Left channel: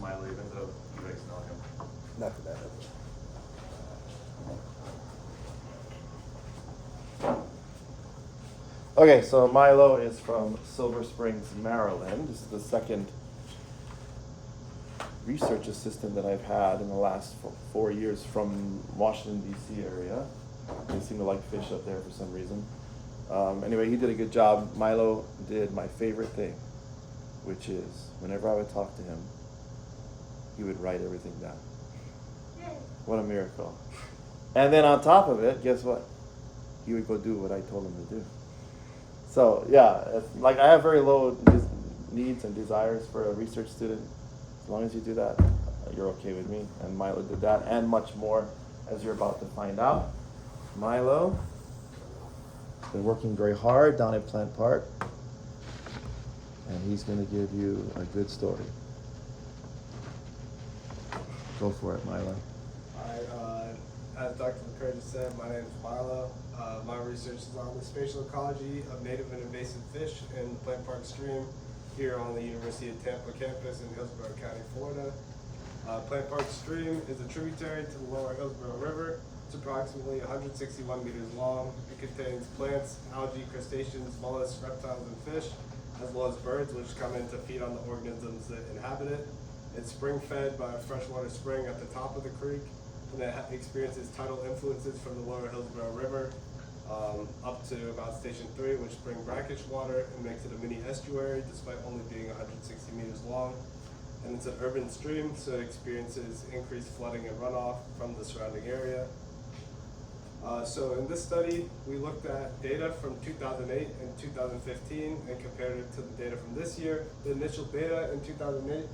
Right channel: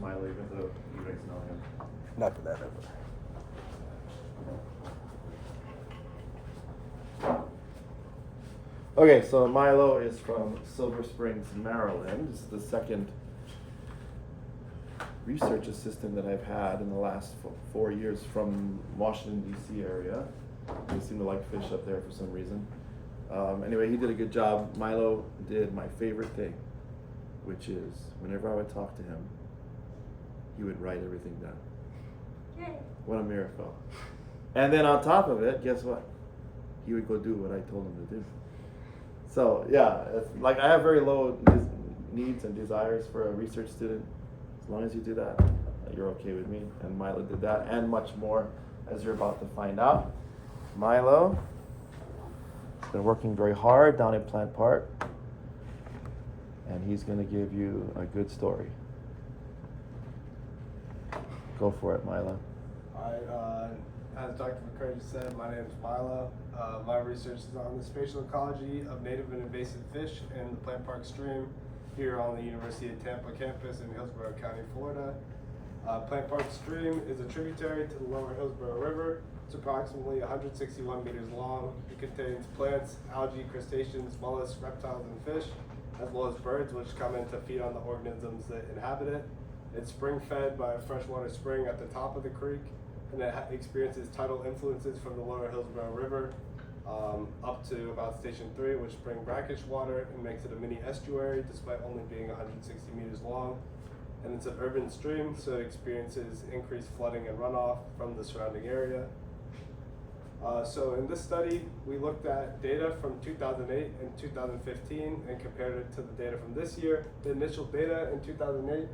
Smiley without you guys knowing him. Not that bad. Okay, so Milo is from Silver Springs, Maryland. This is the second research assistant that I've had in the last 4 years from Washington, D.C. area. They seem to like fish up there for some reason. Anyway, he did a good job. Milo did my favorite thing, which is whenever I would talk to him, he would write everything down. Yay. What a miracle. And then on top of it, guess what? He would go do what I told him to do. So yeah, like I have very low needs and desires for a research student. As long as you do that, you're okay with me. And Milo did that and much more, as you're about to find out. Milo, they're working very hard down at Plant Park, and he's going to give you a good story. Go for it, Milo. As Dr. McCurry just said, my name is Milo. My research is on the spatial ecology of native and invasive fish in the Plant Park stream here on the University of Tampa campus in Hillsborough County, Florida. Plant Park stream is a tributary to the lower Hillsborough River. It's approximately 161 meters long. It contains plants, algae, crustaceans, mollusks, reptiles, and fish, as well as birds, which come in to feed on the organisms that inhabit it. It's spring-fed by a freshwater spring at the top of the creek, and it experiences tidal influences from the lower Hillsborough River up to about Station 3, which bring brackish water and makes it a mini estuary despite only being 160 meters long. And it's an urban stream, so it experiences increased flooding and runoff from the surrounding area. So in this study, we looked at data from 2008 and 2015 and compared it to the data from this year. The initial data in 2008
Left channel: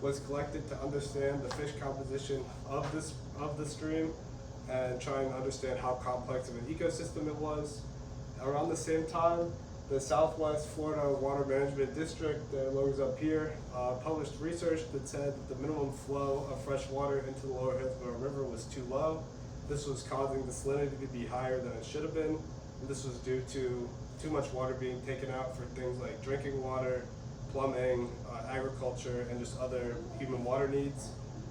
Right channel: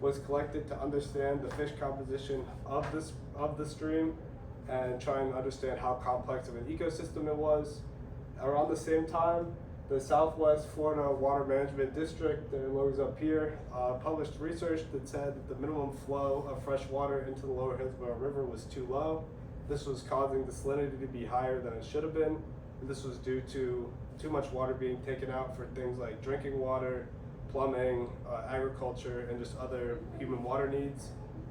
was collected to understand the fish composition of the stream and try and understand how complex of an ecosystem it was. Around the same time, the Southwest Florida Water Management District, the logos up here, published research that said that the minimum flow of fresh water into the lower Hillsborough River was too low. This was causing the salinity to be higher than it should have been. And this was due to too much water being taken out for things like drinking water, plumbing, agriculture, and just other human water needs.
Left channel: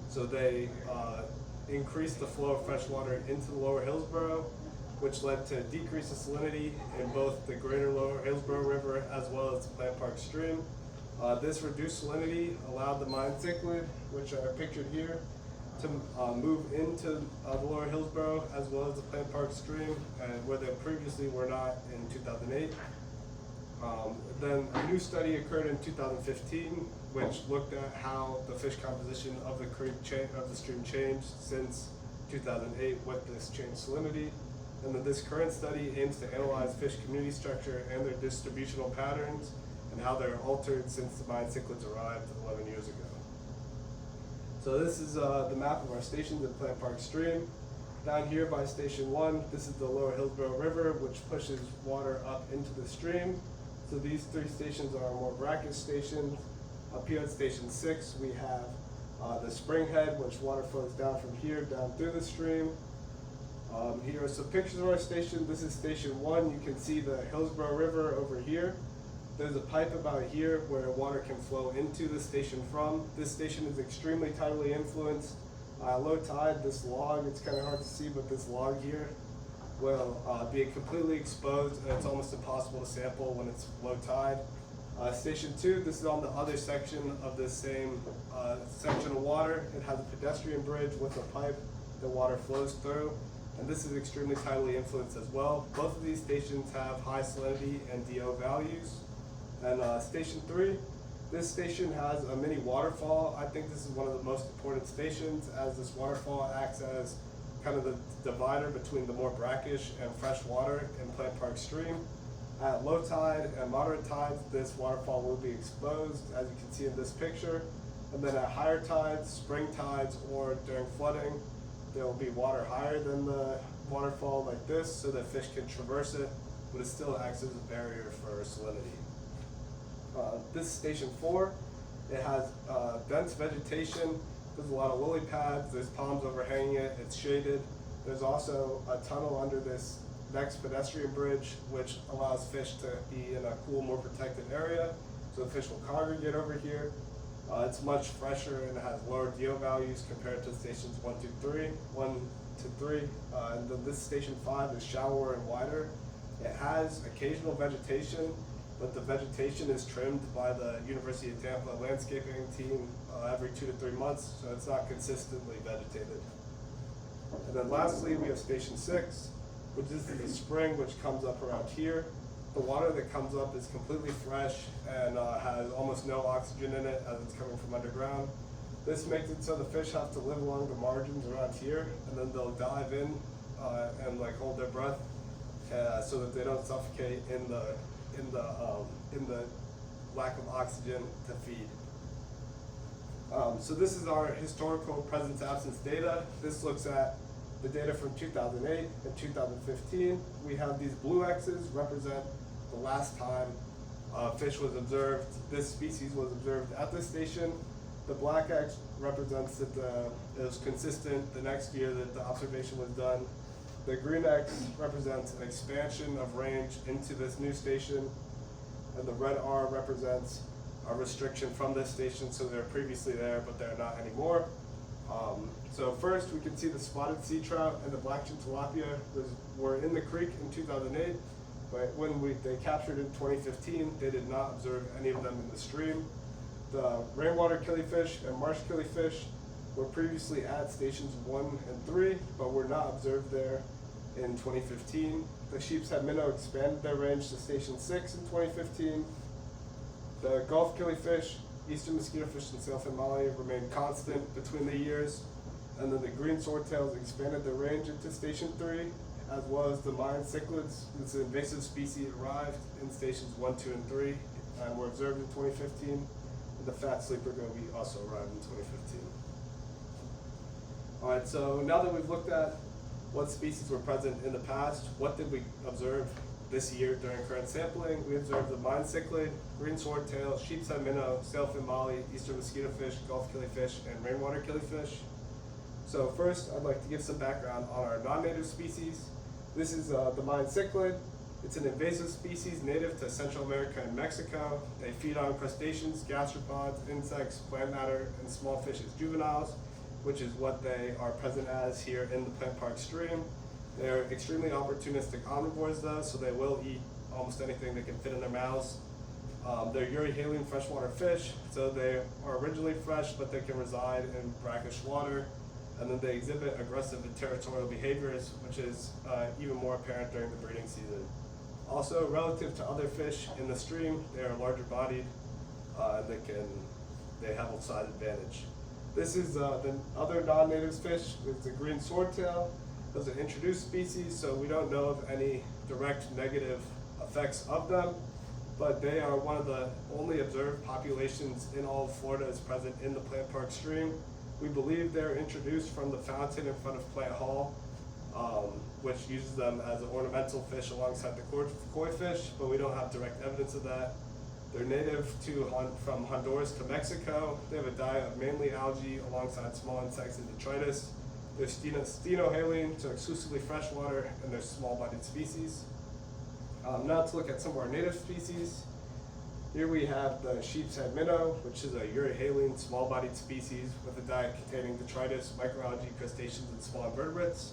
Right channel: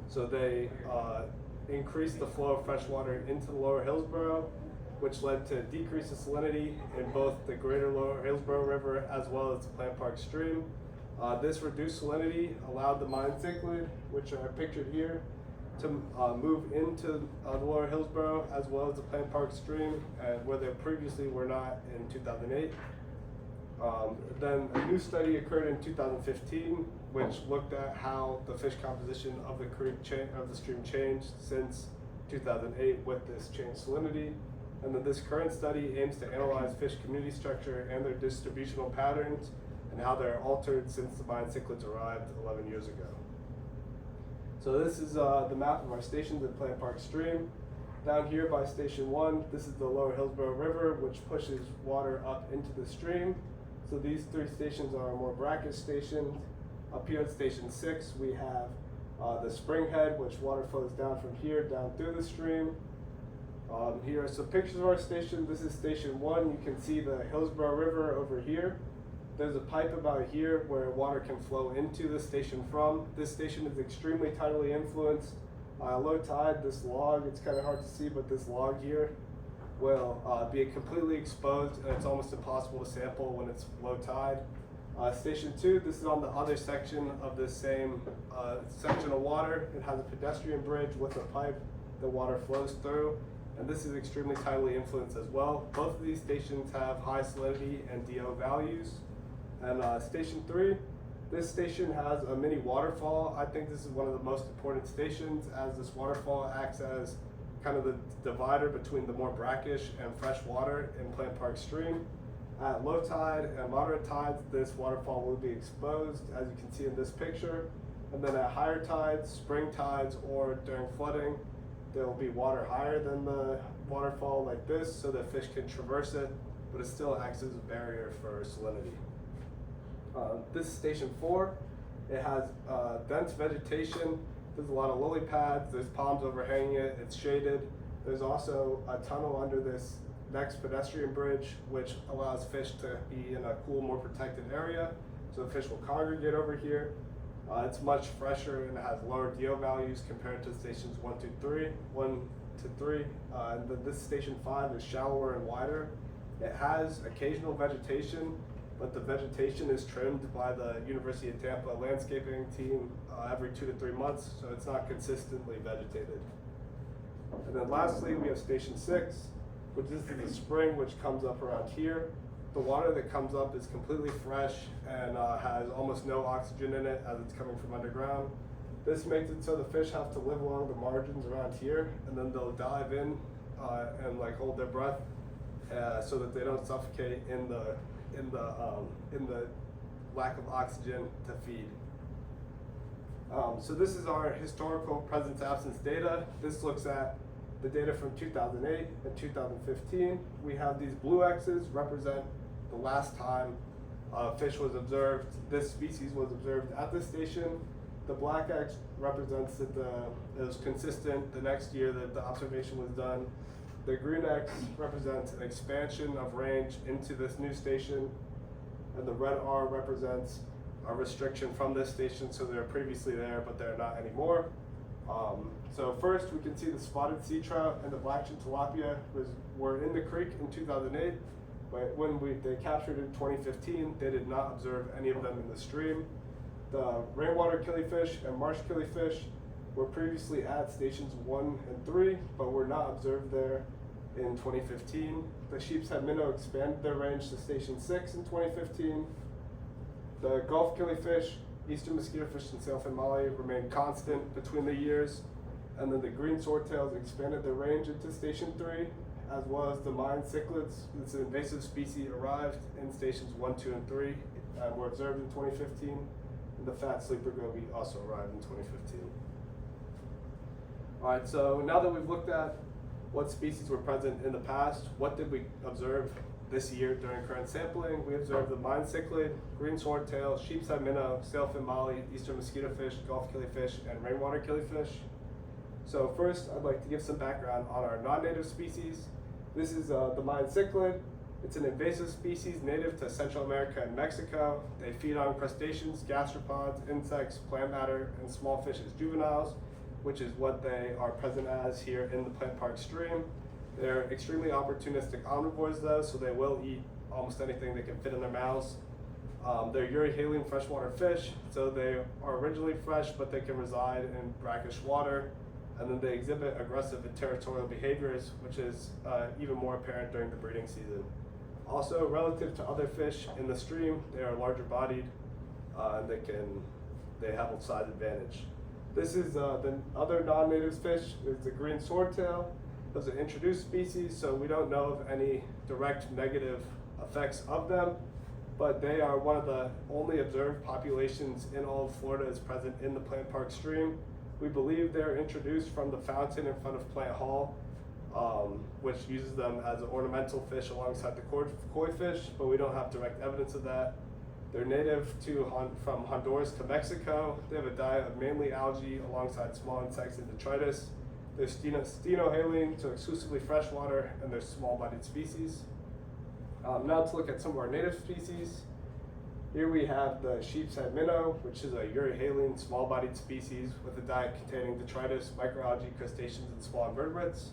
So they increased the flow of fresh water into the lower Hillsborough, which led to a decrease of salinity in both the greater lower Hillsborough River as well as the Plant Park stream. This reduced salinity allowed the mine cichlid, which are pictured here, to move into the lower Hillsborough as well as the Plant Park stream, where they previously were not in 2008. Then a new study occurred in 2015, which looked at how the fish composition of the stream changed since 2008 with this changed salinity. And then this current study aims to analyze fish community structure and their distributional patterns and how they're altered since the mine cichlids arrived 11 years ago. So this is the map of our stations at Plant Park stream. Down here by Station 1, this is the lower Hillsborough River, which pushes water up into the stream. So these 3 stations are our more brackish stations. Up here at Station 6, we have the spring head, which water flows down from here down through the stream. Here are some pictures of our station. This is Station 1. You can see the Hillsborough River over here. There's a pipe about here where water can flow into the station from. This station is extremely tidally influenced. Low tide, this log, it's kind of hard to see, but this log here will be completely exposed, and it's almost impossible to sample when it's low tide. Station 2, this is on the other section of this same section of water. It has a pedestrian bridge with a pipe that water flows through, and this is extremely tidally influenced as well. Both of these stations have high salinity and DO values. And Station 3, this station has a mini waterfall. I think this is one of the most important stations, as this waterfall acts as kind of the divider between the more brackish and fresh water in Plant Park stream. At low tide and moderate tides, this waterfall will be exposed, as you can see in this picture. And then at higher tides, spring tides, or during flooding, there will be water higher than the waterfall like this, so that fish can traverse it, but it still acts as a barrier for salinity. This is Station 4. It has dense vegetation. There's a lot of lily pads. There's palms overhanging it. It's shaded. There's also a tunnel under this next pedestrian bridge, which allows fish to be in a cool, more protected area. So the fish will congregate over here. It's much fresher and it has lower DO values compared to stations 1 to 3. And then this station 5 is shallower and wider. It has occasional vegetation, but the vegetation is trimmed by the University of Tampa landscaping team every 2 to 3 months, so it's not consistently vegetated. And then lastly, we have station 6, which is the spring, which comes up around here. The water that comes up is completely fresh and has almost no oxygen in it as it's coming from underground. This makes it so the fish have to live along the margins around here, and then they'll dive in and like hold their breath so that they don't suffocate in the lack of oxygen to feed. So this is our historical presence-absence data. This looks at the data from 2008 and 2015. We have these blue X's represent the last time fish was observed. This species was observed at this station. The black X represents that it was consistent the next year that the observation was done. The green X represents an expansion of range into this new station, and the red R represents a restriction from this station, so they're previously there, but they're not anymore. So first, we can see the spotted sea trout and the black-chin tilapia were in the creek in 2008, but when they captured in 2015, they did not observe any of them in the stream. The rainwater killifish and marsh killifish were previously at stations 1 and 3, but were not observed there in 2015. The sheepshead minnow expanded their range to station 6 in 2015. The Gulf killifish, eastern mosquitofish, and sailfin molly remained constant between the years. And then the green swordtails expanded their range into station 3, as well as the Mayan cichlids. This invasive species arrived in stations 1, 2, and 3, and were observed in 2015. And the fat sleeper goby also arrived in 2015. All right, so now that we've looked at what species were present in the past, what did we observe this year during current sampling? We observed the Mayan cichlid, green swordtail, sheepshead minnow, sailfin molly, eastern mosquitofish, Gulf killifish, and rainwater killifish. So first, I'd like to give some background on our non-native species. This is the Mayan cichlid. It's an invasive species native to Central America and Mexico. They feed on crustaceans, gastropods, insects, plant matter, and small fish as juveniles, which is what they are present as here in the plant park stream. They're extremely opportunistic omnivores though, so they will eat almost anything they can fit in their mouths. They're euryhaline freshwater fish, so they are originally fresh, but they can reside in brackish water. And then they exhibit aggressive and territorial behaviors, which is even more apparent during the breeding season. Also, relative to other fish in the stream, they are larger bodied, and they have a size advantage. This is the other non-native fish, is the green swordtail. Those are introduced species, so we don't know of any direct negative effects of them, but they are one of the only observed populations in all of Florida is present in the plant park stream. We believe they're introduced from the fountain in front of Plant Hall, which uses them as an ornamental fish alongside the koi fish, but we don't have direct evidence of that. They're native from Honduras to Mexico. They have a diet of mainly algae alongside small insects and detritus. They're stenohaline, so exclusively freshwater, and they're small-bodied species. Now to look at some of our native species. Here we have the sheepshead minnow, which is a euryhaline small-bodied species with a diet containing detritus, microalgae, crustaceans, and small invertebrates.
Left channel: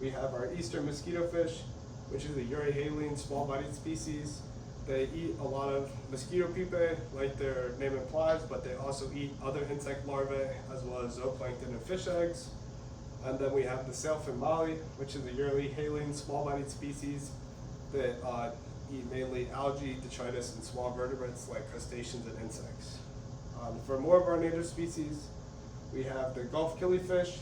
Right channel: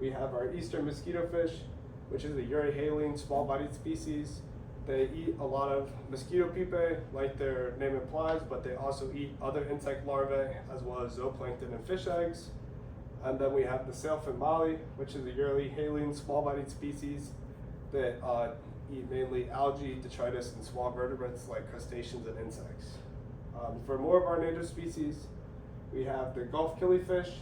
We have our eastern mosquitofish, which is a euryhaline small-bodied species. They eat a lot of mosquito pupae, like their name implies, but they also eat other insect larvae, as well as zooplankton and fish eggs. And then we have the sailfin molly, which is a euryhaline small-bodied species that eat mainly algae, detritus, and small vertebrates like crustaceans and insects. For more of our native species, we have the Gulf killifish.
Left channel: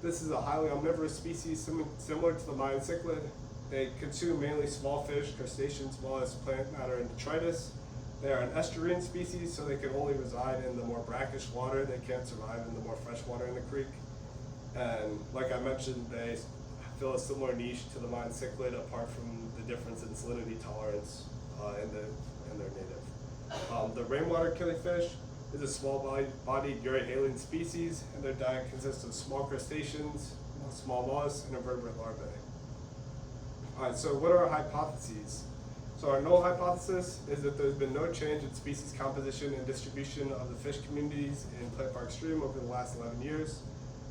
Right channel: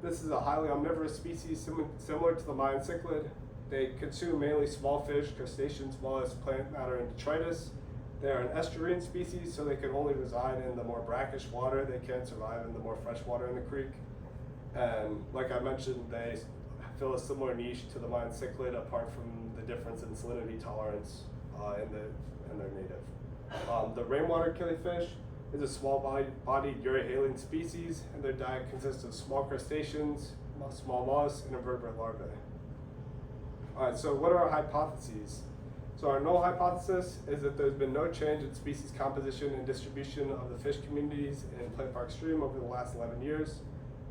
This is a highly omnivorous species similar to the Mayan cichlid. They consume mainly small fish, crustaceans, mollusks, plant matter, and detritus. They are an estuarine species, so they can only reside in the more brackish water. They can't survive in the more fresh water in the creek. And like I mentioned, they fill a similar niche to the Mayan cichlid, apart from the difference in salinity tolerance in their native. The rainwater killifish is a small-bodied euryhaline species, and their diet consists of small crustaceans, small mollusks, and invertebrate larvae. All right, so what are our hypotheses? So So our null hypothesis is that there's been no change in species composition and distribution of the fish communities in Plant Park Stream over the last 11 years.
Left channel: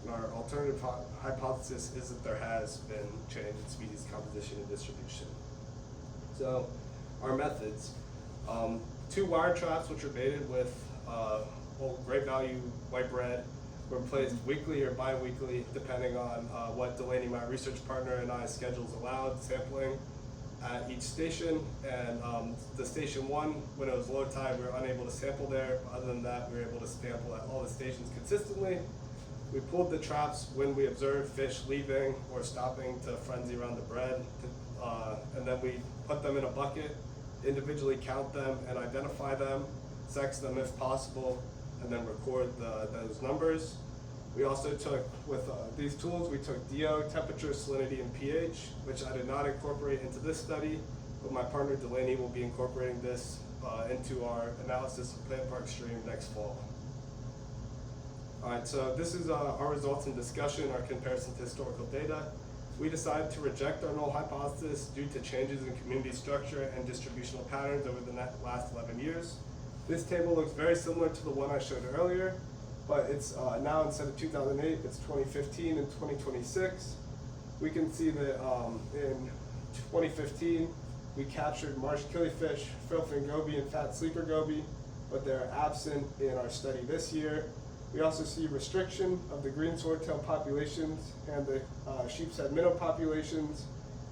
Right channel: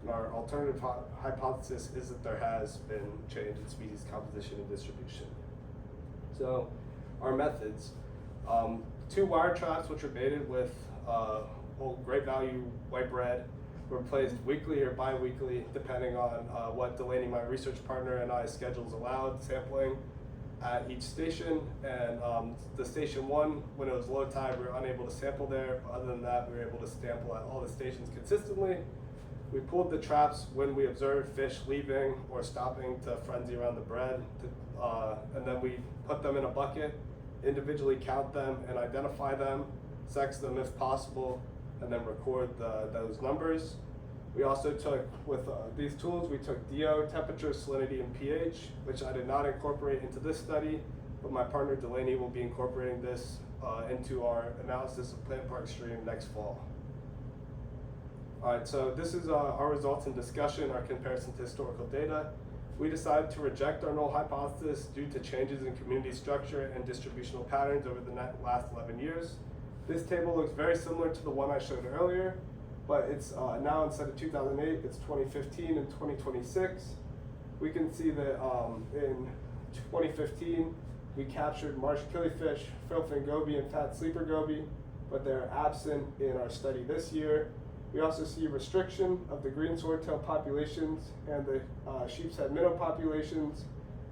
And our alternative hypothesis is that there has been change in species composition and distribution. So our methods, 2 wire traps which are baited with great value white bread were placed weekly or bi-weekly depending on what Delaney, my research partner, and I's schedules allowed sampling at each station. And the station 1, when it was low tide, we were unable to sample there. But other than that, we were able to sample at all the stations consistently. We pulled the traps when we observed fish leaving or stopping to frenzy around the bread, and then we put them in a bucket, individually count them and identify them, sex them if possible, and then record those numbers. We also took, with these tools, we took DO, temperature, salinity, and pH, which I did not incorporate into this study, but my partner Delaney will be incorporating this into our analysis of Plant Park Stream next fall. All right, so this is our results and discussion, our comparison to historical data. We decided to reject our null hypothesis due to changes in community structure and distributional patterns over the last 11 years. This table looks very similar to the one I showed earlier, but it's now, instead of 2008, it's 2015 and 2026. We can see that in 2015, we captured marsh killifish, frillfin goby, and fat sleeper goby, but they're absent in our study this year. We also see restriction of the green swordtail populations and the sheep's head minnow populations,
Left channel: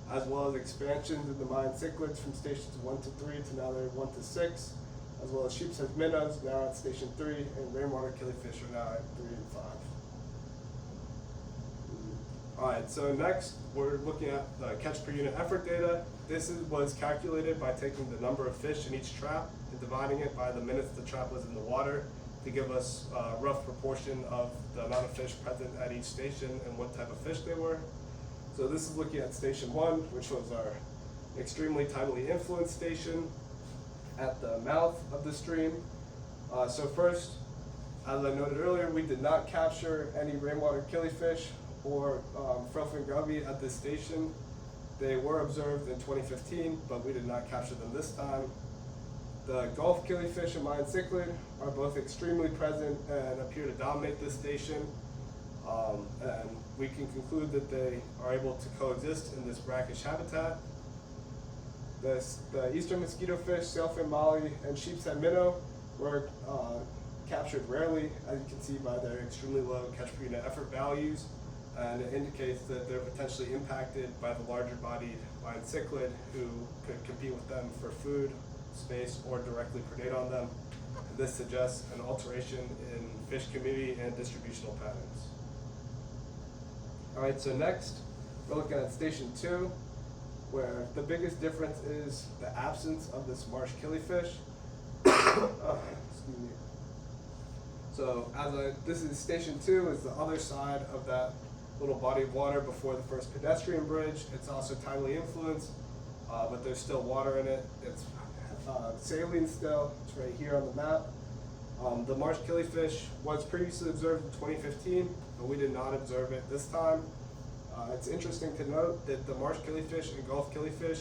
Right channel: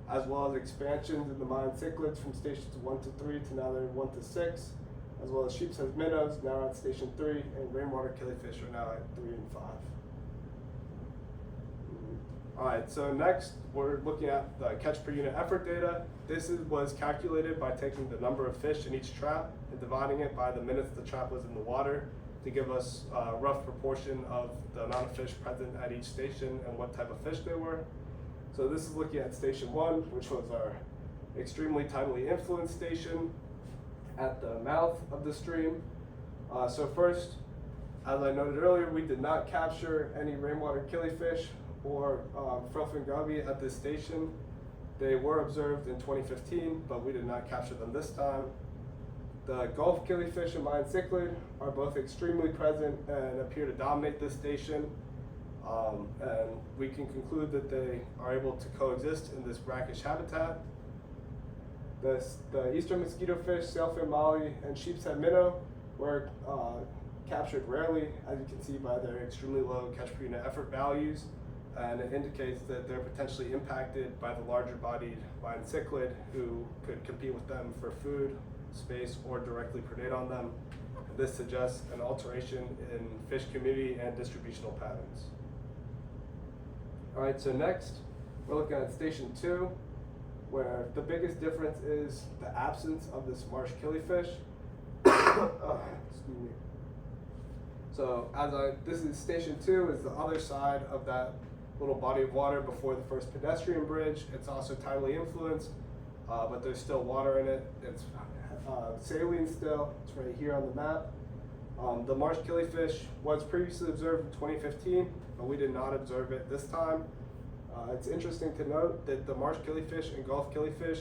as well as expansions in the Mayan cichlids from stations 1 to 3 to now they're 1 to 6, as well as sheep's head minnows now at station 3, and rainwater killifish are now at 3 and 5. All right, so next we're looking at the catch per unit effort data. This was calculated by taking the number of fish in each trap and dividing it by the minutes the trap was in the water to give us a rough proportion of the amount of fish present at each station and what type of fish they were. So this is looking at station 1, which was our extremely tidally influenced station at the mouth of the stream. So first, as I noted earlier, we did not capture any rainwater killifish or frillfin goby at this station. They were observed in 2015, but we did not capture them this time. The Gulf killifish and Mayan cichlid are both extremely present and appear to dominate this station. And we can conclude that they are able to coexist in this brackish habitat. The eastern mosquito fish, sailfin molly, and sheep's head minnow were captured rarely, as you can see by their extremely low catch per unit effort values. And it indicates that they're potentially impacted by the larger bodied Mayan cichlid who could compete with them for food, space, or directly predate on them. And this suggests an alteration in fish community and distributional patterns. All right, so next we're looking at station 2, where the biggest difference is the absence of this marsh killifish. Excuse me. So this is station 2, is the other side of that little body of water before the first pedestrian bridge. It's also tidally influenced, but there's still water in it. It's saline still. It's right here on the map. The marsh killifish was previously observed in 2015, but we did not observe it this time. It's interesting to note that the marsh killifish and Gulf killifish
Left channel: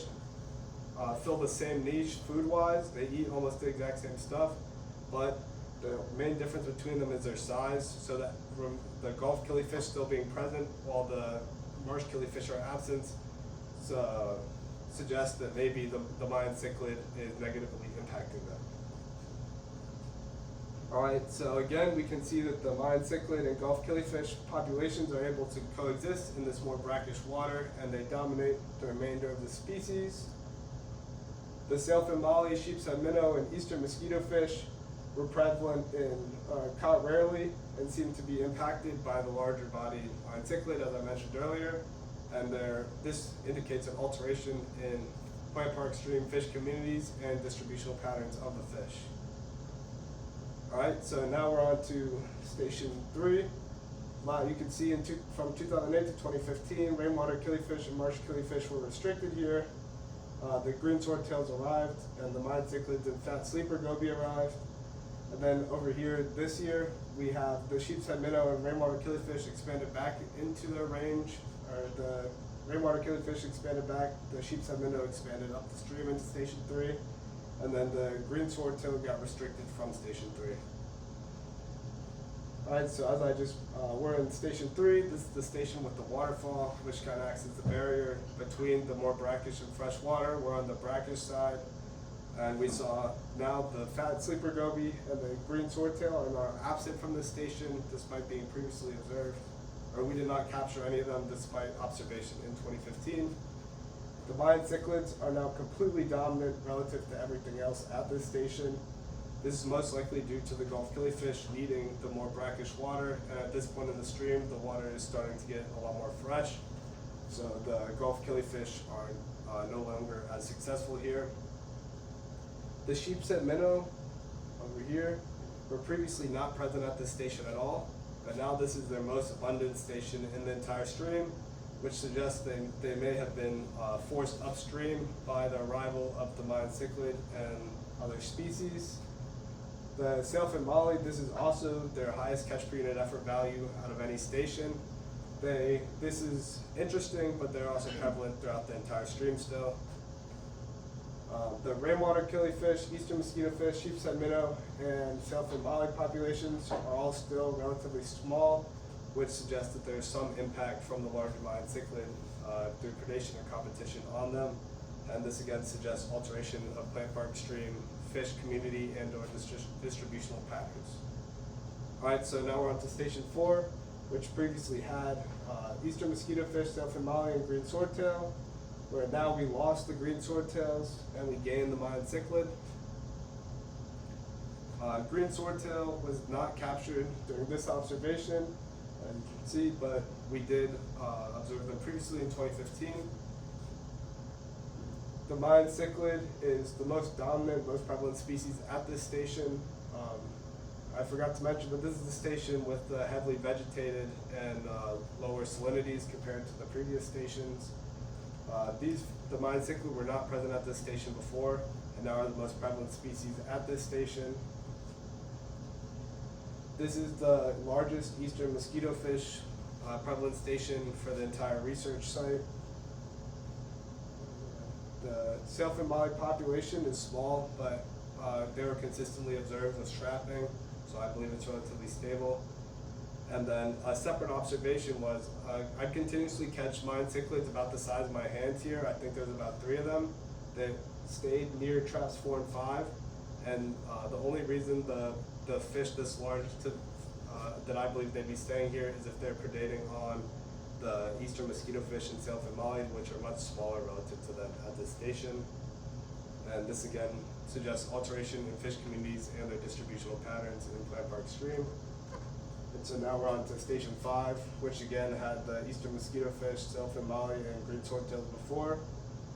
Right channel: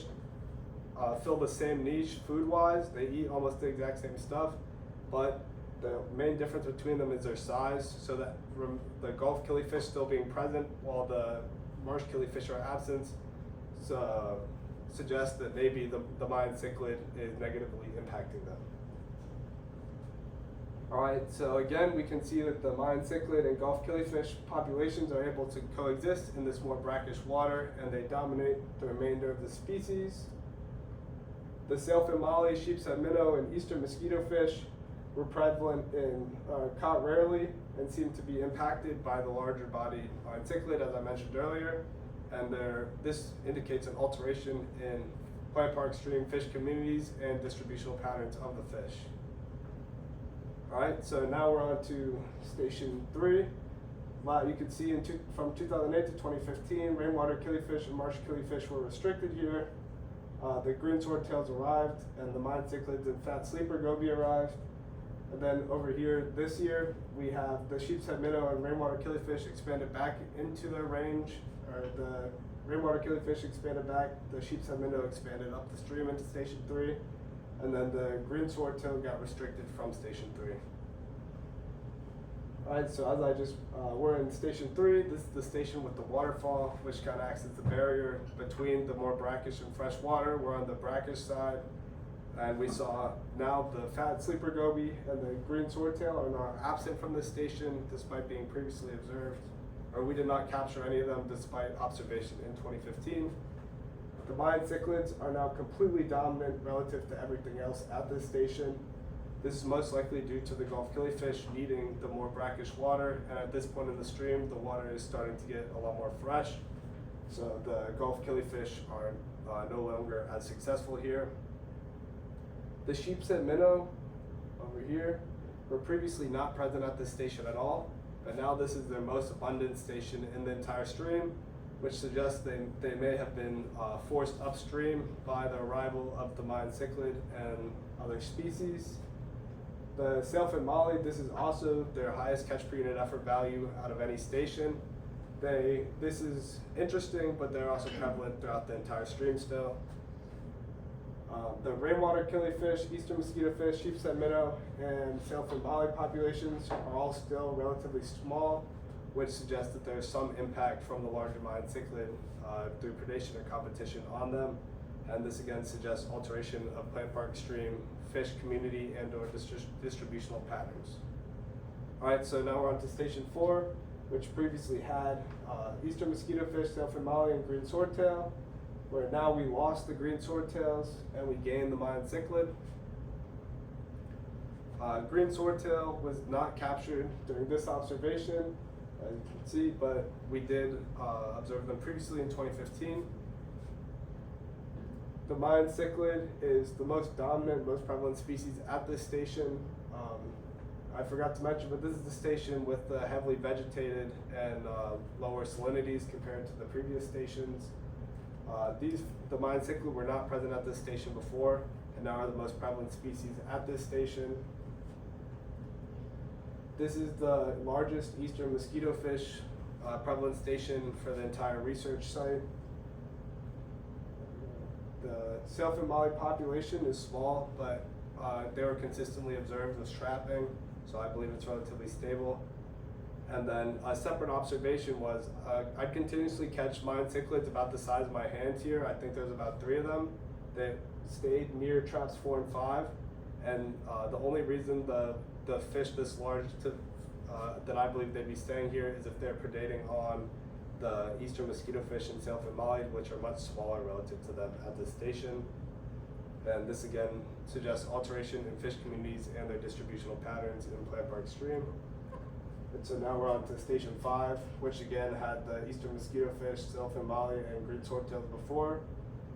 fill the same niche food-wise. They eat almost the exact same stuff, but the main difference between them is their size, so that the Gulf killifish still being present while the marsh killifish are absent suggests that maybe the Mayan cichlid is negatively impacting them. All right, so again, we can see that the Mayan cichlid and Gulf killifish populations are able to coexist in this more brackish water, and they dominate the remainder of the species. The sailfin molly, sheep's head minnow, and eastern mosquito fish were prevalent in caught rarely and seem to be impacted by the larger bodied Mayan cichlid, as I mentioned earlier. And this indicates an alteration in Plant Park Stream fish communities and distributional patterns of the fish. All right, so now we're on to station 3. You can see from 2008 to 2015, rainwater killifish and marsh killifish were restricted here. The green swordtails arrived, and the Mayan cichlids and fat sleeper goby arrived. And then over here this year, we have the sheep's head minnow and rainwater killifish expanded back into their range, or the rainwater killifish expanded back, the sheepshead minnow expanded up the stream into Station 3, and then the green swordtail got restricted from Station 3. Alright, so as I just, we're in Station 3, this is the station with the waterfall, which kind of acts as the barrier between the more brackish and fresh water. We're on the brackish side, and we saw now the fat sleeper goby and the green swordtail are now absent from this station despite being previously observed, or we did not capture any of them despite observation in 2015. The Mayan cichlids are now completely dominant relative to everything else at this station. This is most likely due to the Gulf killifish needing the more brackish water, and at this point in the stream, the water is starting to get a lot more fresh. So the Gulf killifish are no longer as successful here. The sheepshead minnow over here were previously not present at this station at all, but now this is their most abundant station in the entire stream, which suggests they may have been forced upstream by the arrival of the Mayan cichlid and other species. The sailfin molly, this is also their highest catch per unit effort value out of any station. This is interesting, but they're also prevalent throughout the entire stream still. The rainwater killifish, eastern mosquito fish, sheepshead minnow, and sailfin molly populations are all still relatively small, which suggests that there's some impact from the larger Mayan cichlid through predation or competition on them. And this again suggests alteration of plant park stream, fish community, and or distributional patterns. All right, so now we're on to Station 4, which previously had eastern mosquito fish, sailfin molly, and green swordtail, where now we lost the green swordtails and we gained the Mayan cichlid. Green swordtail was not captured during this observation, as you can see, but we did observe them previously in 2015. The Mayan cichlid is the most dominant, most prevalent species at this station. I forgot to mention, but this is the station with the heavily vegetated and lower salinities compared to the previous stations. The Mayan cichlid were not present at this station before, and now are the most prevalent species at this station. This is the largest eastern mosquito fish prevalent station for the entire research site. The sailfin molly population is small, but they were consistently observed with trapping, so I believe it's relatively stable. And then a separate observation was, I continuously catch Mayan cichlids about the size of my hand here. I think there's about 3 of them that stayed near traps 4 and 5. And the only reason the fish this large that I believe they'd be staying here is if they're predating on the eastern mosquito fish and sailfin molly, which are much smaller relative to them at this station. And this again suggests alteration in fish communities and their distributional patterns in Plant Park Stream. And so now we're on to Station 5, which again had the eastern mosquito fish, sailfin molly, and green swordtails before.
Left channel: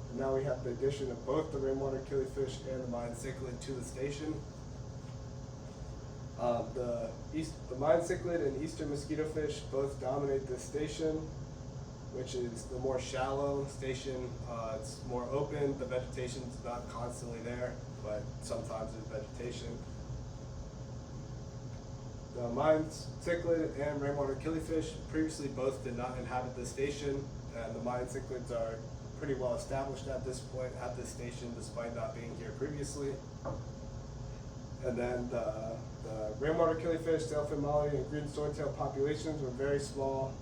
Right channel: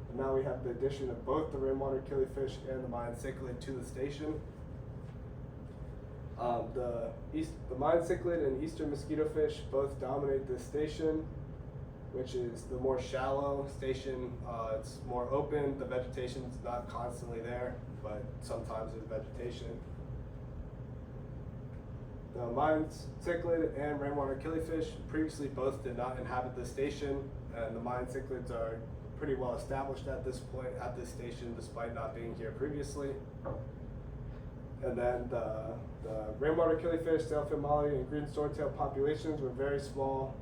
And now we have the addition of both the rainwater killifish and the Mayan cichlid to the station. The Mayan cichlid and eastern mosquito fish both dominate this station, which is the more shallow station. It's more open. The vegetation's not constantly there, but sometimes there's vegetation. The Mayan cichlid and rainwater killifish previously both did not inhabit this station, and the Mayan cichlids are pretty well established at this point at this station despite not being here previously. And then the rainwater killifish, sailfin molly, and green swordtail populations were very small,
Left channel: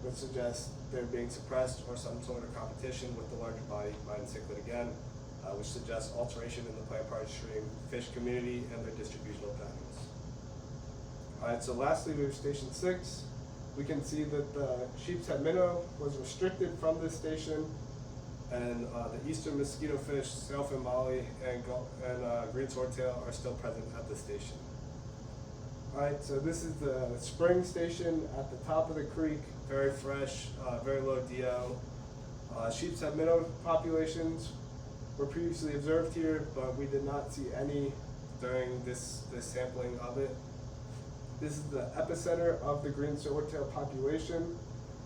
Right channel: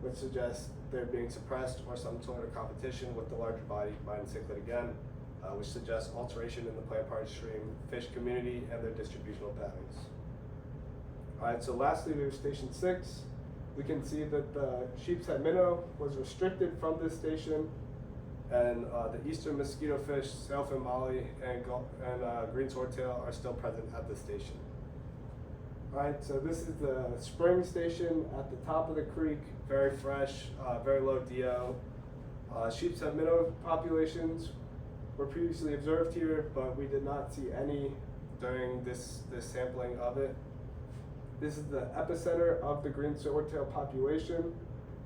which suggests they're being suppressed or some sort of competition with the larger body Mayan cichlid again, which suggests alteration in the plant park stream, fish community, and their distributional patterns. All right, so lastly we have Station 6. We can see that the sheepshead minnow was restricted from this station, and the eastern mosquito fish, sailfin molly, and green swordtail are still present at the station. All right, so this is the spring station at the top of the creek, very fresh, very low DO. Sheepshead minnow populations were previously observed here, but we did not see any during this sampling of it. This is the epicenter of the green swordtail population.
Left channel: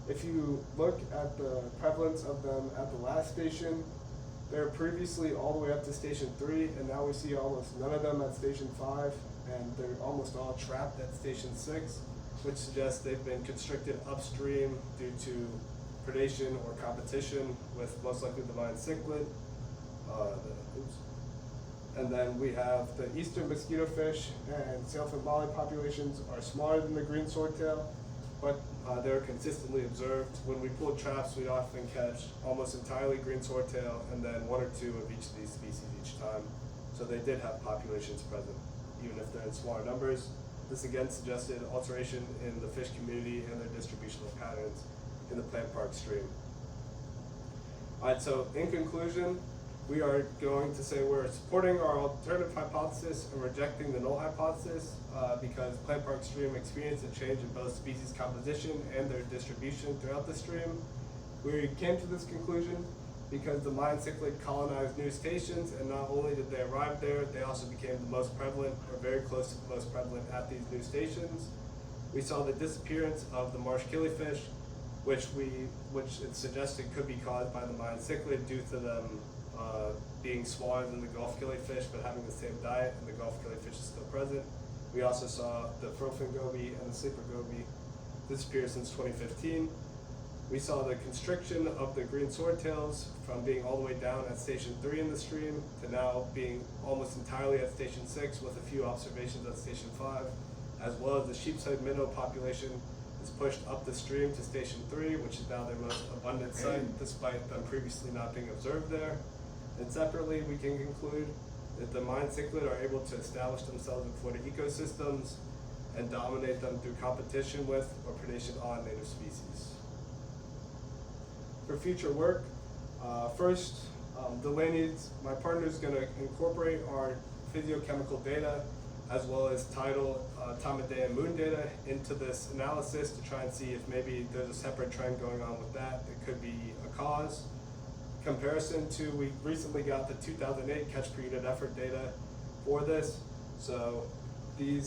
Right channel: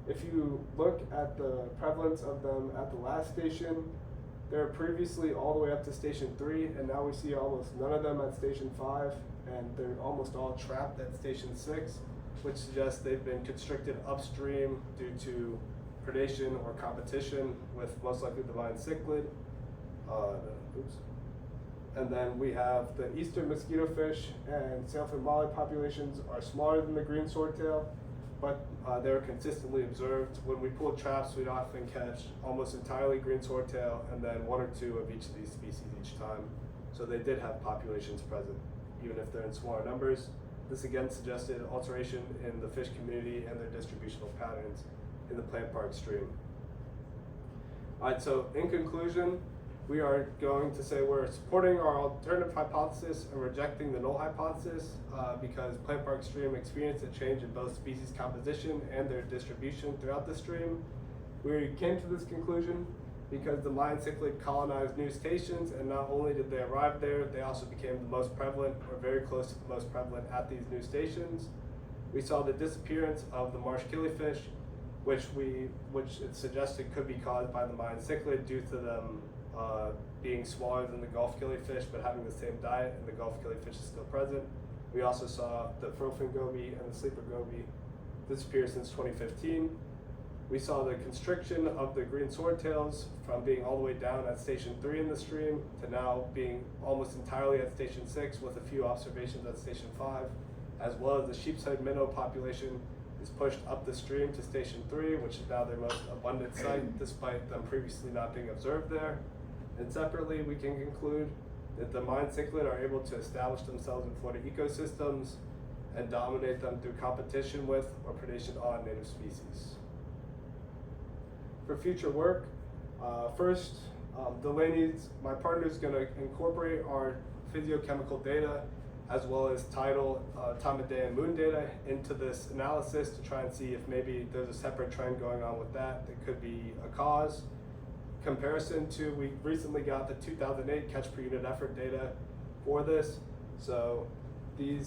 If you look at the prevalence of them at the last station, they're previously all the way up to Station 3, and now we see almost none of them at Station 5, and they're almost all trapped at Station 6, which suggests they've been constricted upstream due to predation or competition with most likely the Mayan cichlid. And then we have the eastern mosquito fish and sailfin molly populations are smaller than the green swordtail, but they're consistently observed. When we pulled traps, we'd often catch almost entirely green swordtail and then one or two of each of these species each time. So they did have populations present, even if they're in smaller numbers. This again suggested alteration in the fish community and their distributional patterns in the plant park stream. All right, so in conclusion, we are going to say we're supporting our alternative hypothesis and rejecting the null hypothesis because plant park stream experienced a change in both species composition and their distribution throughout the stream. We came to this conclusion because the Mayan cichlid colonized new stations, and not only did they arrive there, they also became the most prevalent or very close to the most prevalent at these new stations. We saw the disappearance of the marsh killifish, which it suggested could be caused by the Mayan cichlid due to them being smaller than the Gulf killifish but having the same diet, and the Gulf killifish is still present. We also saw the frillfin goby and the sleeper goby disappear since 2015. We saw the constriction of the green swordtails from being all the way down at station 3 in the stream to now being almost entirely at station 6 with a few observations at station 5, as well as the sheepshead minnow population is pushed up the stream to station 3, which is now their most abundant site despite them previously not being observed there. And separately, we can conclude that the Mayan cichlid are able to establish themselves in Florida ecosystems and dominate them through competition with or predation on native species. For future work, first, Delaney's, my partner, is going to incorporate our physiochemical data as well as tidal, time of day and moon data into this analysis to try and see if maybe there's a separate trend going on with that could be a cause. Comparison to, we recently got the 2008 catch per unit effort data for this. So the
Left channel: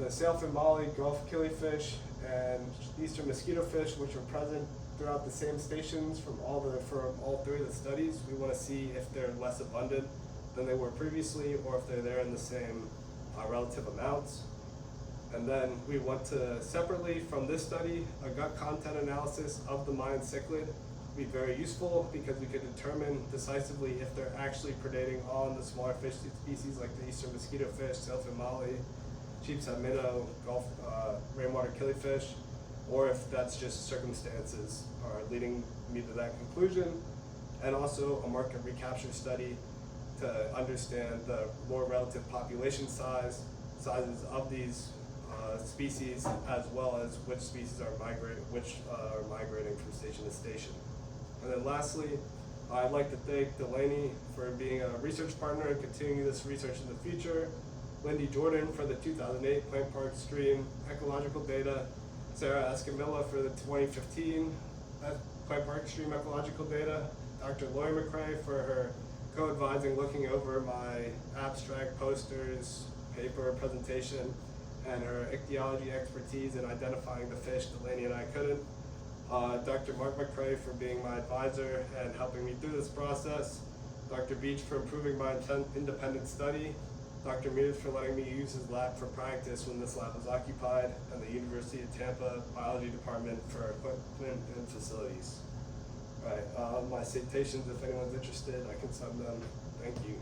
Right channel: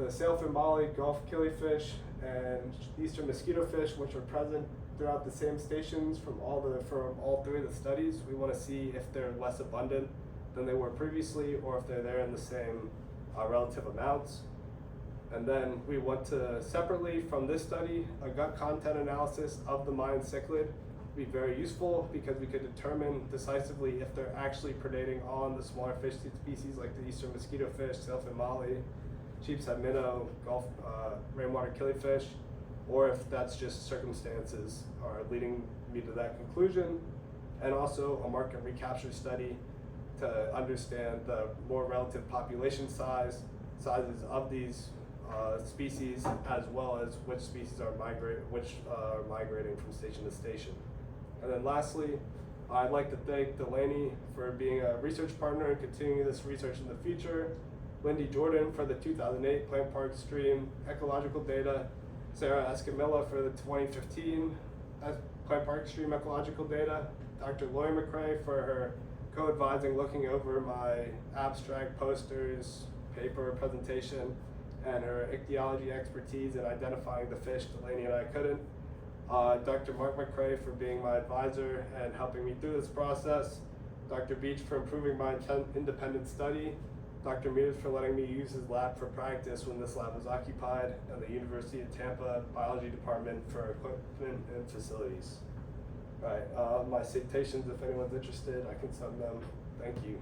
sailfin molly, Gulf killifish, and eastern mosquito fish, which are present throughout the same stations from all three of the studies, we want to see if they're less abundant than they were previously, or if they're there in the same relative amounts. And then we want to separately from this study, a gut content analysis of the Mayan cichlid would be very useful because we could determine decisively if they're actually predating on the smaller fish species like the eastern mosquito fish, sailfin molly, sheepshead minnow, Gulf rainwater killifish, or if that's just circumstances are leading me to that conclusion. And also a market recapture study to understand the more relative population sizes of these species, as well as which species are migrating from station to station. And then lastly, I'd like to thank Delaney for being a research partner and continuing this research in the future, Lindy Jordan for the 2008 Plant Park Stream ecological data, Sarah Escamilla for the 2015 Plant Park Stream ecological data, Dr. Lori McCrae for her co-advising looking over my abstract posters, paper presentation, and her ichthyology expertise in identifying the fish Delaney and I couldn't. Dr. Mark McCrae for being my advisor and helping me through this process. Dr. Beach for improving my independent study. Dr. Mears for letting me use his lab for practice when this lab was occupied, and the University of Tampa Biology Department for equipment and facilities. All right, my citations, if anyone's interested, I can send them. Thank you.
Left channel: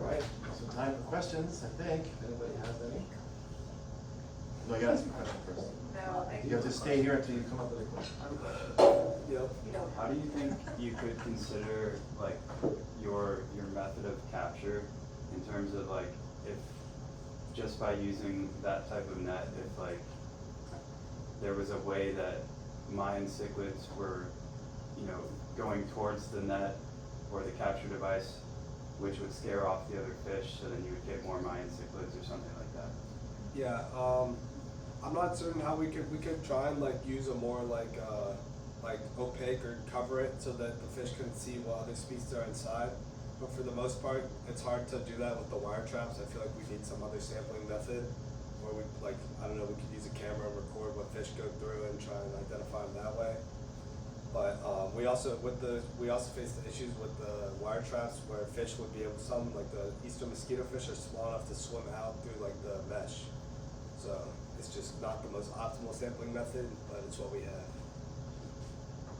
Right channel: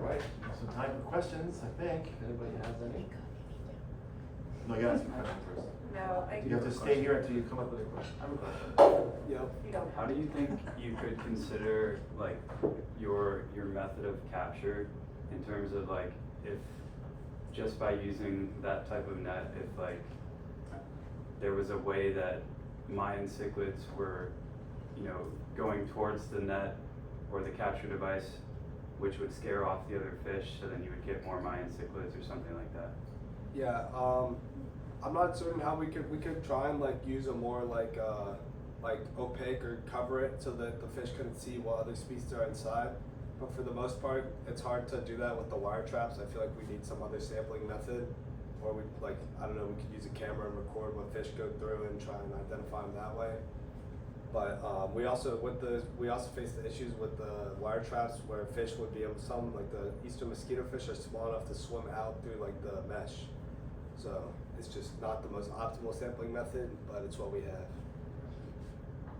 All right, some time for questions, I think, if anybody has any. No, I gotta ask you a question first. No, You have to stay here until you come up with a question. Yep. How do you think you could consider like your method of capture in terms of like if just by using that type of net, if like there was a way that Mayan cichlids were, going towards the net or the capture device, which would scare off the other fish, so then you would get more Mayan cichlids or something like that? Yeah, I'm not certain how we could try and like use a more like opaque or cover it so that the fish couldn't see what other species are inside. But for the most part, it's hard to do that with the wire traps. I feel like we need some other sampling method, or we we could use a camera and record what fish go through and try and identify them that way. But we also face the issues with the wire traps where fish would be able, some like the eastern mosquito fish are small enough to swim out through like the mesh. So it's just not the most optimal sampling method, but it's what we have.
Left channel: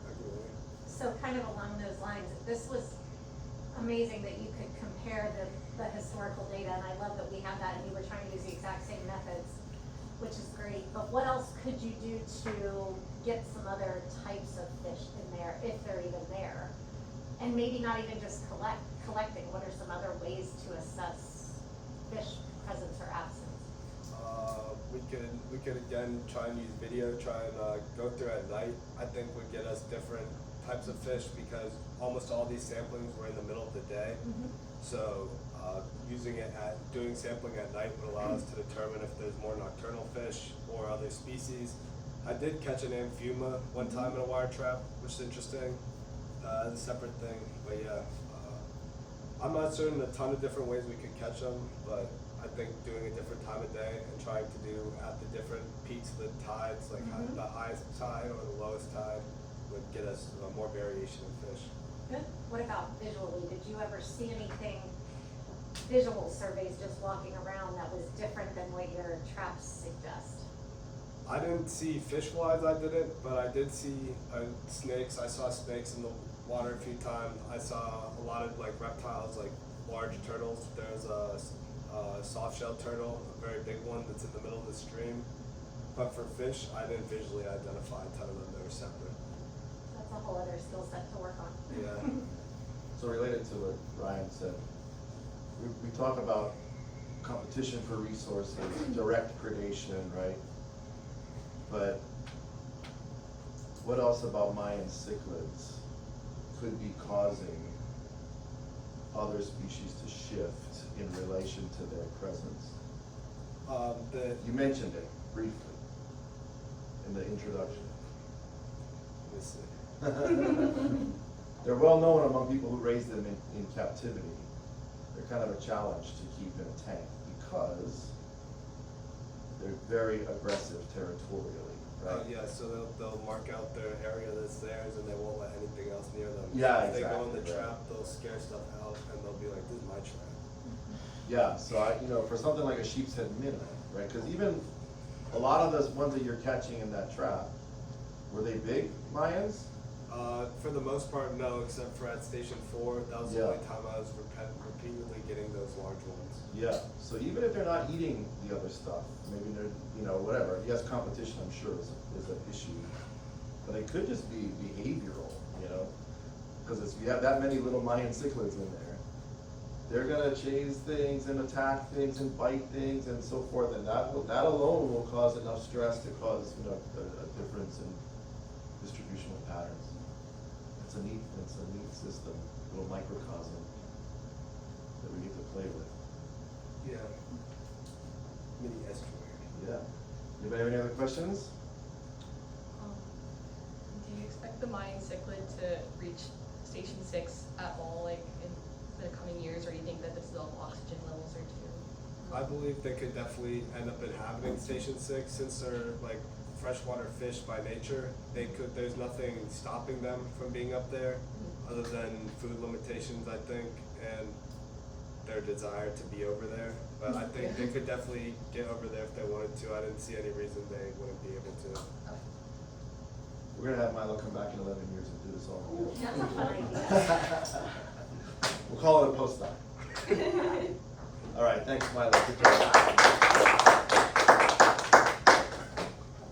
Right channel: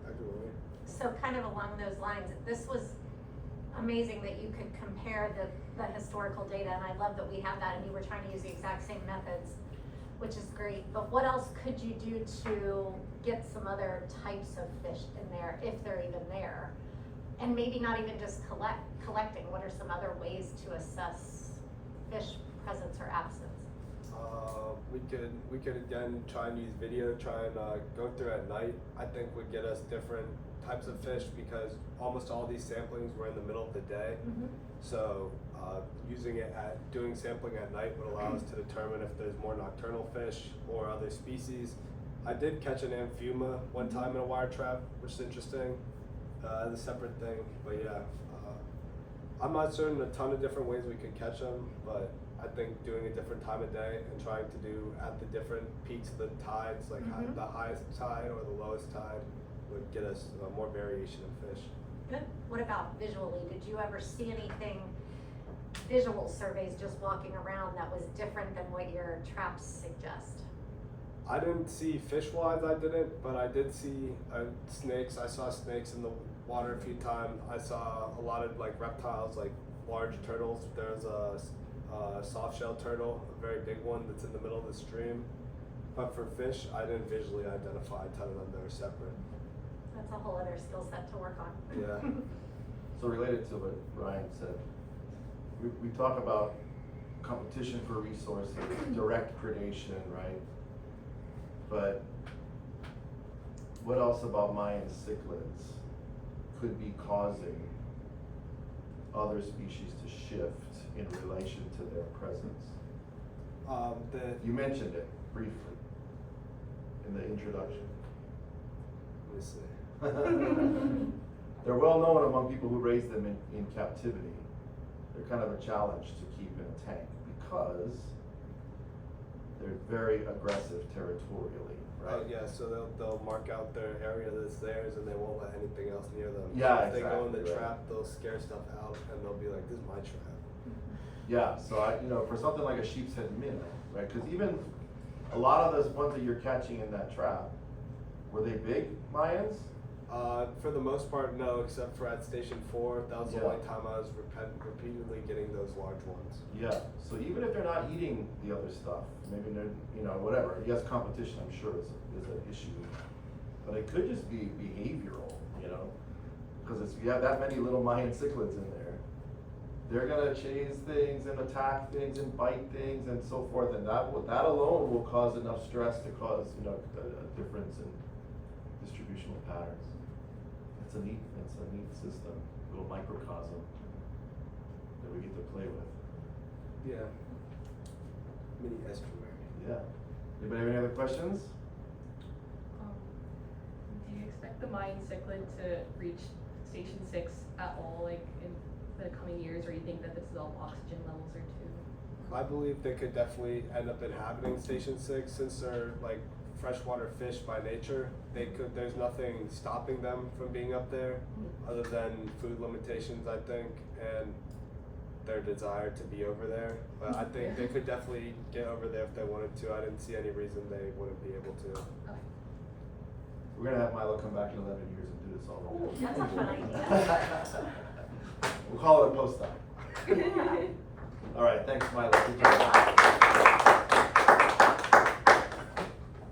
Agree. So kind of along those lines, this was amazing that you could compare the historical data, and I love that we have that, and you were trying to use the exact same methods, which is great. But what else could you do to get some other types of fish in there, if they're even there? And maybe not even just collecting, what are some other ways to assess fish presence or absence? We could again try and use video, try and go through at night. I think would get us different types of fish because almost all these samplings were in the middle of the day. Mm-hmm. So doing sampling at night would allow us to determine if there's more nocturnal fish or other species. I did catch an amphuma one time in a wire trap, which is interesting. As a separate thing, but yeah, I'm not certain a ton of different ways we could catch them, but I think doing a different time of day and trying to do at the different peaks of the tides, like the highest tide or the lowest tide, would get us more variation in fish. Good. What about visually? Did you ever see anything, visual surveys just walking around that was different than what your traps suggest? I didn't see fish-wise, I didn't, but I did see snakes. I saw snakes in the water a few times. I saw a lot of like reptiles, like large turtles. There's a soft-shell turtle, a very big one that's in the middle of the stream. But for fish, I didn't visually identify a ton of them. They were separate. That's a whole other skill set to work on. Yeah. So related to what Ryan said, we talk about competition for resources, direct predation, right? But what else about Mayan cichlids could be causing other species to shift in relation to their presence? You mentioned it briefly in the introduction. Let me see. They're well known among people who raise them in captivity. They're kind of a challenge to keep in a tank because they're very aggressive territorially, right? Oh yeah, so they'll mark out their area that's theirs and they won't let anything else near them. Yeah, If they go in the exactly, right. trap, they'll scare stuff out and they'll be like, this is my trap. Yeah, so for something like a sheep's head minnow, right? Because even a lot of those ones that you're catching in that trap, were they big Mayans? For the most part, no, except for at Station 4. That was the Yeah. only time I was repeatedly getting those large ones. Yeah, so even if they're not eating the other stuff, maybe they're, whatever, yes, competition I'm sure is an issue. But it could just be behavioral, because if you have that many little Mayan cichlids in there, they're gonna chase things and attack things and bite things and so forth, and that alone will cause enough stress to cause, a difference in distributional patterns. It's a neat system, a little microcosm that we get to play with. Yeah. Mini estuary. Yeah. Anybody have any other questions? Do you expect the Mayan cichlid to reach Station 6 at all, like in the coming years, or you think that the still oxygen levels are too? I believe they could definitely end up inhabiting Station 6 since they're like freshwater fish by nature. There's nothing stopping them from being up there other than food limitations, I think, and their desire to be over there. But I think they could definitely get over there if they wanted to. I didn't see any reason they wouldn't be able to. Okay. We're gonna have Milo come back in 11 years and do this all again. That's a great We'll call it a postdoc. All right, thanks, Milo. Good job.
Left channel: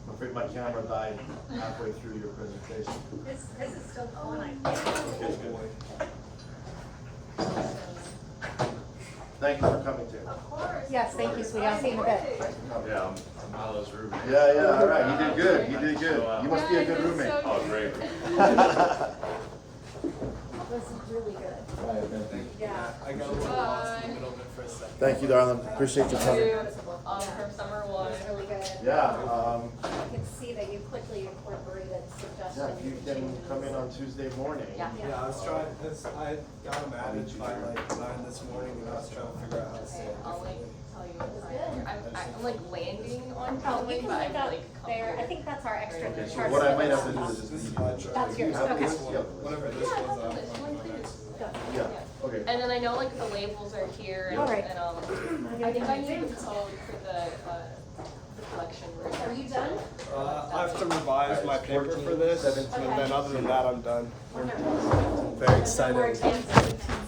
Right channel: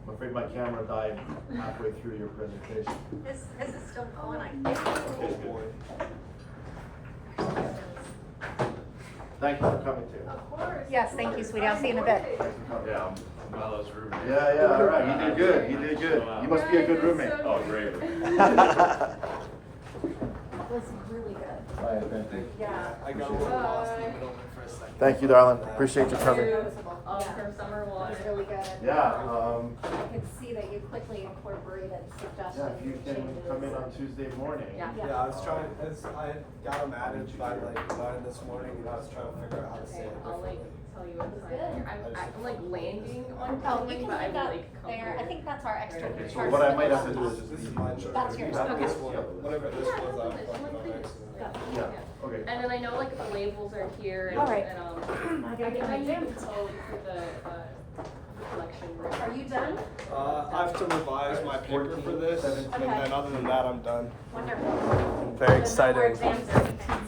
I'm afraid my camera died halfway through your presentation. This is still fun. Oh boy. Thank you for coming too. Yes, thank you, sweetie. I'll see you in a bit. Yeah, I'm Milo's roommate. Yeah, all right. You did good. You did good. You must be a good roommate. Oh, great. That was really good. Yeah. I got a little lost in the middle of it for a second. Thank you, darling. Appreciate you coming. From summer That one. was really good. Yeah, I could see that you quickly incorporated suggestions yeah, if you and can changes. come in on Tuesday morning. Yeah. Yeah, I was trying. I got them added by like 9 this morning, and I was trying to figure out how to say it I'll like differently. tell you That what was time. good. I'm like landing on Oh, Conway, you can but look I up like come there. I here. think that's our extra Okay, so charge. what I for might the have to do laptop. is This just is leave my it. chart. That's yours, You have okay. this one. Whatever this Yeah, was, I'll that's plug fine. my accident. Good. Yeah, okay. And then I know like the labels are here. All right. And I think I need the code for the collection room. Are you done? I have to revise my paper 14, for this, 17. but then other than that, I'm done. Wonderful. Very So no more exciting. 10, 17,